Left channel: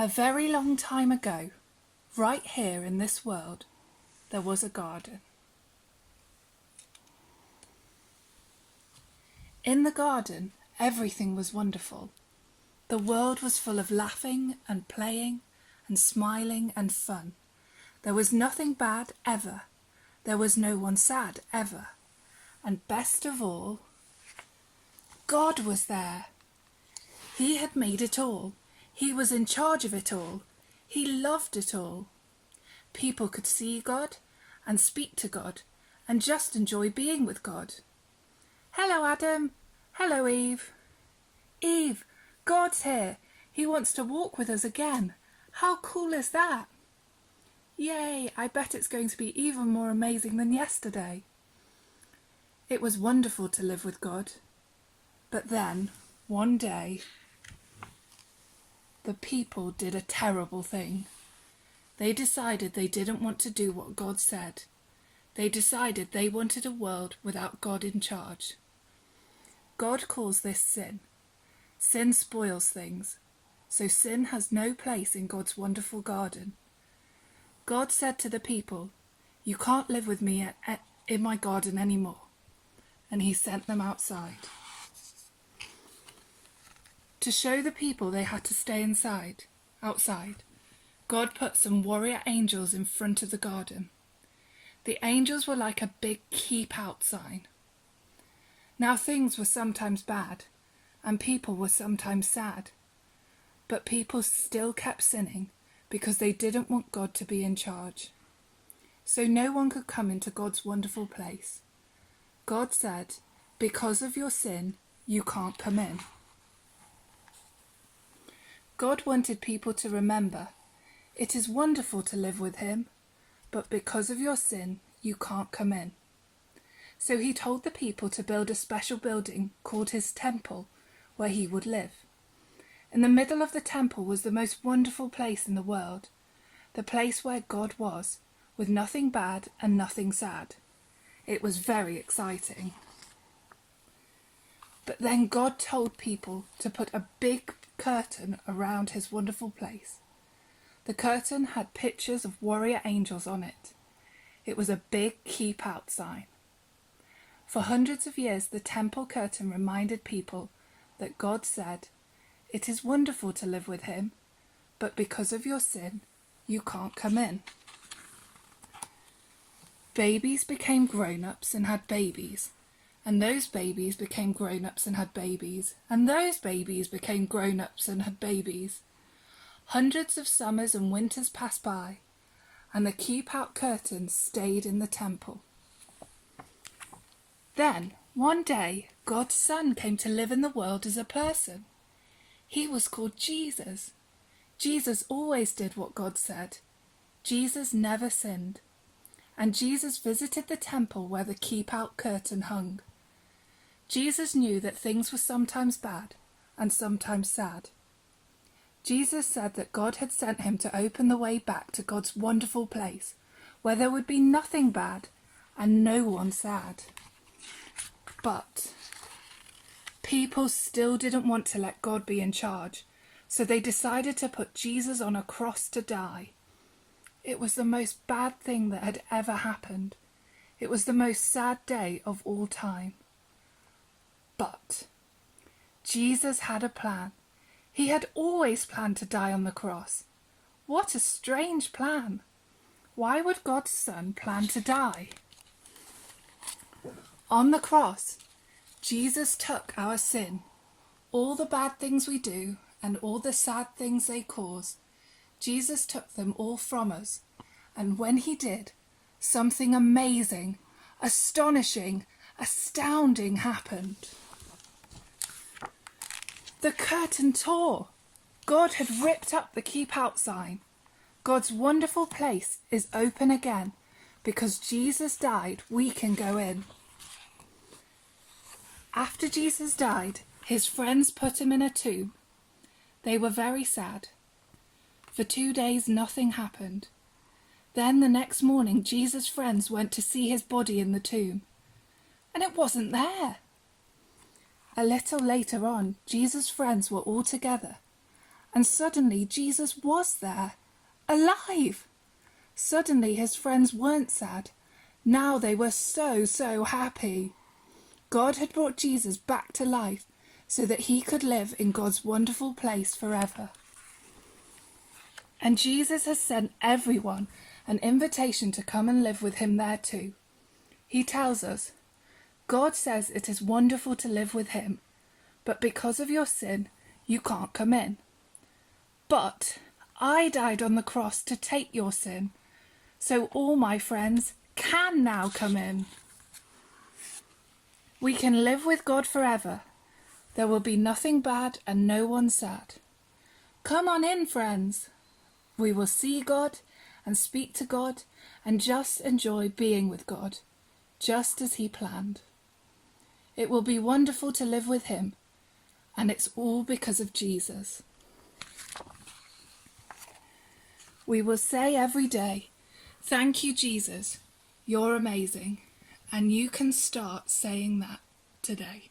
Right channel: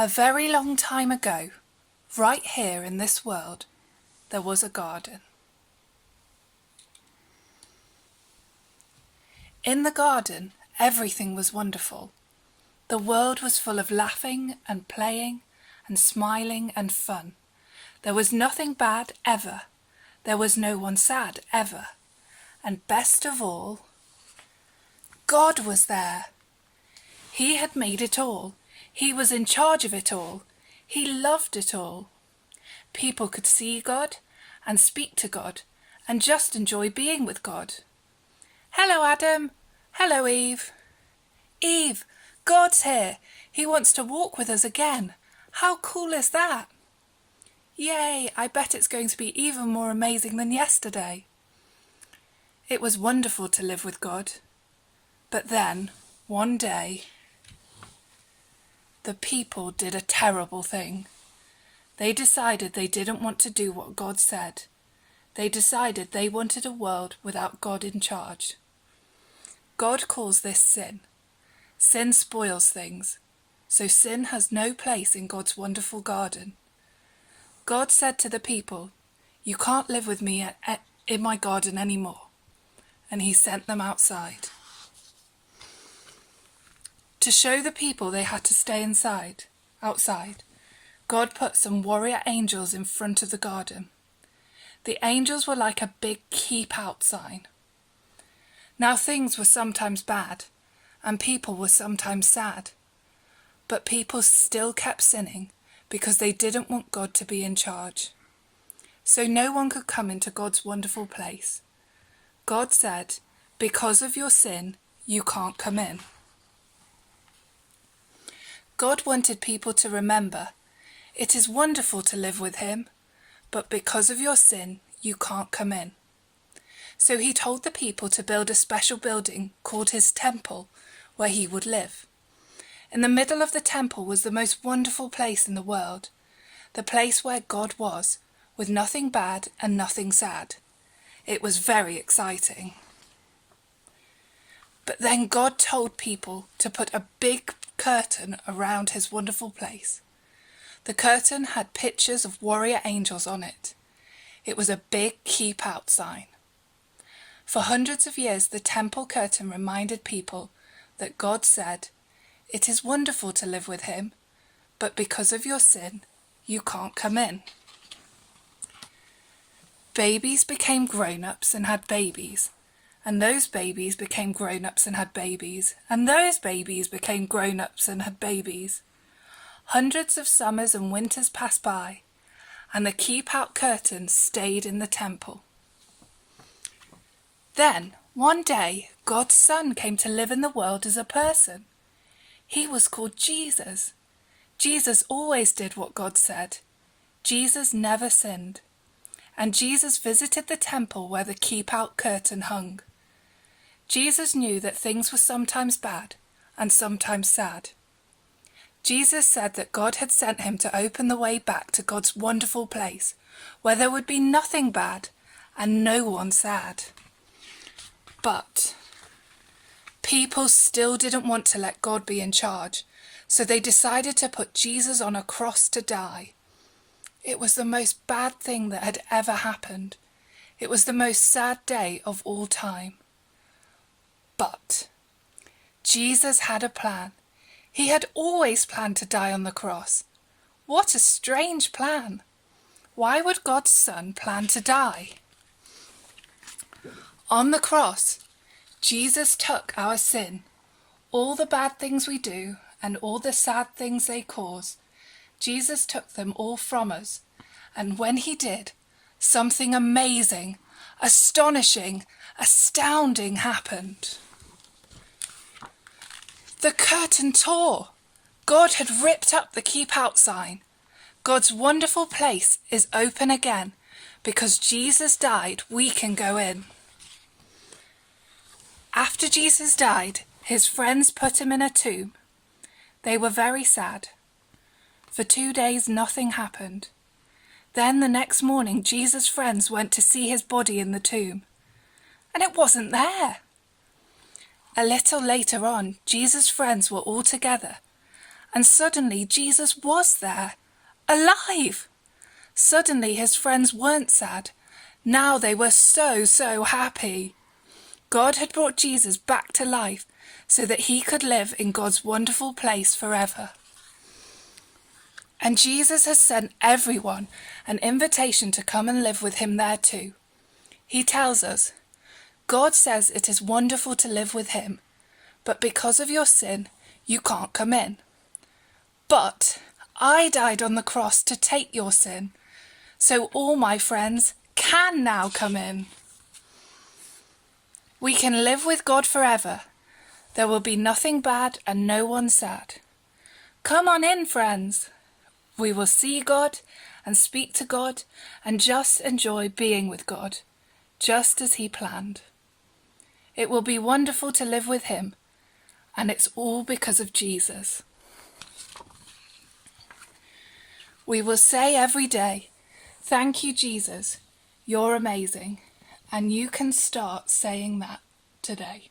A very long time ago, right here in this world, there was a garden. In the garden, everything was wonderful. The world was full of laughing and playing and smiling and fun. There was nothing bad ever. There was no one sad ever. And best of all, God was there. He had made it all. He was in charge of it all. He loved it all. People could see God and speak to God and just enjoy being with God. Hello, Adam. Hello, Eve. Eve, God's here. He wants to walk with us again. How cool is that? Yay, I bet it's going to be even more amazing than yesterday. It was wonderful to live with God. But then, one day, the people did a terrible thing. They decided they didn't want to do what God said. They decided they wanted a world without God in charge. God calls this sin. Sin spoils things, so sin has no place in God's wonderful garden. God said to the people, "You can't live with me in my garden anymore," and he sent them outside. To show the people they had to stay outside, God put some warrior angels in front of the garden. The angels were like a big keep out sign. Now things were sometimes bad, and people were sometimes sad, but people still kept sinning because they didn't want God to be in charge. So no one could come into God's wonderful place. God said, "Because of your sin, you can't come in." God wanted people to remember, it is wonderful to live with him, but because of your sin, you can't come in. So he told the people to build a special building called his temple, where he would live. In the middle of the temple was the most wonderful place in the world, the place where God was, with nothing bad and nothing sad. It was very exciting. But then God told people to put a big curtain around his wonderful place. The curtain had pictures of warrior angels on it. It was a big keep out sign. For hundreds of years, the temple curtain reminded people that God said, "It is wonderful to live with him, but because of your sin, you can't come in." Babies became grown-ups and had babies, and those babies became grown-ups and had babies, and those babies became grown-ups and had babies. Hundreds of summers and winters passed by, and the keep-out curtain stayed in the temple. Then, one day, God's Son came to live in the world as a person. He was called Jesus. Jesus always did what God said. Jesus never sinned. And Jesus visited the temple where the keep-out curtain hung. Jesus knew that things were sometimes bad and sometimes sad. Jesus said that God had sent him to open the way back to God's wonderful place, where there would be nothing bad and no one sad. But people still didn't want to let God be in charge, so they decided to put Jesus on a cross to die. It was the most bad thing that had ever happened. It was the most sad day of all time. But Jesus had a plan. He had always planned to die on the cross. What a strange plan. Why would God's Son plan to die? On the cross, Jesus took our sin, all the bad things we do and all the sad things they cause. Jesus took them all from us, and when he did, something amazing, astonishing, astounding happened. The curtain tore. God had ripped up the keep out sign. God's wonderful place is open again. Because Jesus died, we can go in. After Jesus died, his friends put him in a tomb. They were very sad. For 2 days, nothing happened. Then the next morning, Jesus' friends went to see his body in the tomb, and it wasn't there. A little later on, Jesus' friends were all together, And suddenly Jesus was there, alive. Suddenly his friends weren't sad. Now they were so happy. God had brought Jesus back to life so that he could live in God's wonderful place forever. And Jesus has sent everyone an invitation to come and live with him there too. He tells us, God says it is wonderful to live with him, but because of your sin, you can't come in. But I died on the cross to take your sin, so all my friends can now come in. We can live with God forever. There will be nothing bad and no one sad. Come on in, friends. We will see God and speak to God and just enjoy being with God, just as he planned. It will be wonderful to live with him, and it's all because of Jesus. We will say every day, "Thank you, Jesus, you're amazing," and you can start saying that today.